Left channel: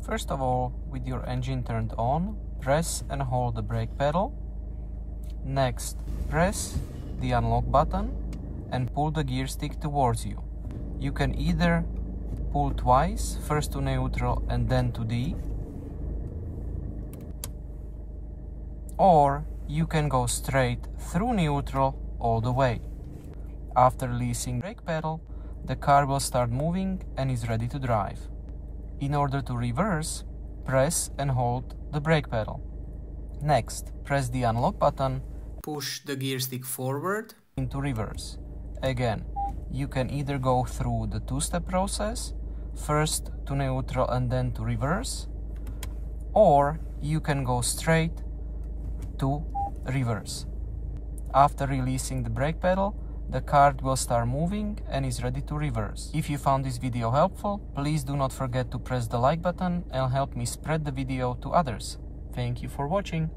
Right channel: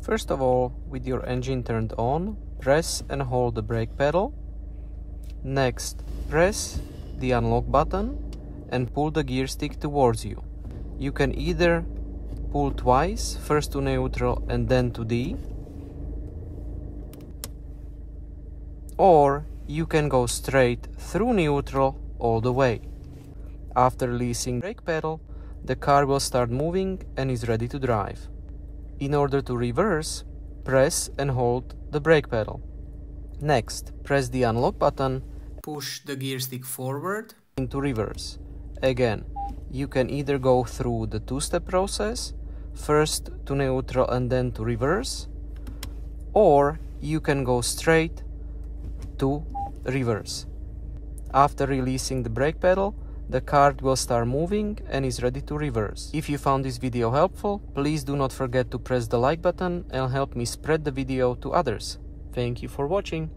First of all, with your engine turned on, press and hold the brake pedal. Next, press the unlock button and pull the gear stick towards you. You can either pull twice, first to neutral and then to D, or you can go straight through neutral all the way. After releasing the brake pedal, the car will start moving and is ready to drive. In order to reverse, press and hold the brake pedal. Next, press the unlock button, push the gear stick forward into reverse. Again, you can either go through the two-step process, first to neutral and then to reverse, or you can go straight to reverse. After releasing the brake pedal, the car will start moving and is ready to reverse. If you found this video helpful, please do not forget to press the like button and help me spread the video to others. Thank you for watching.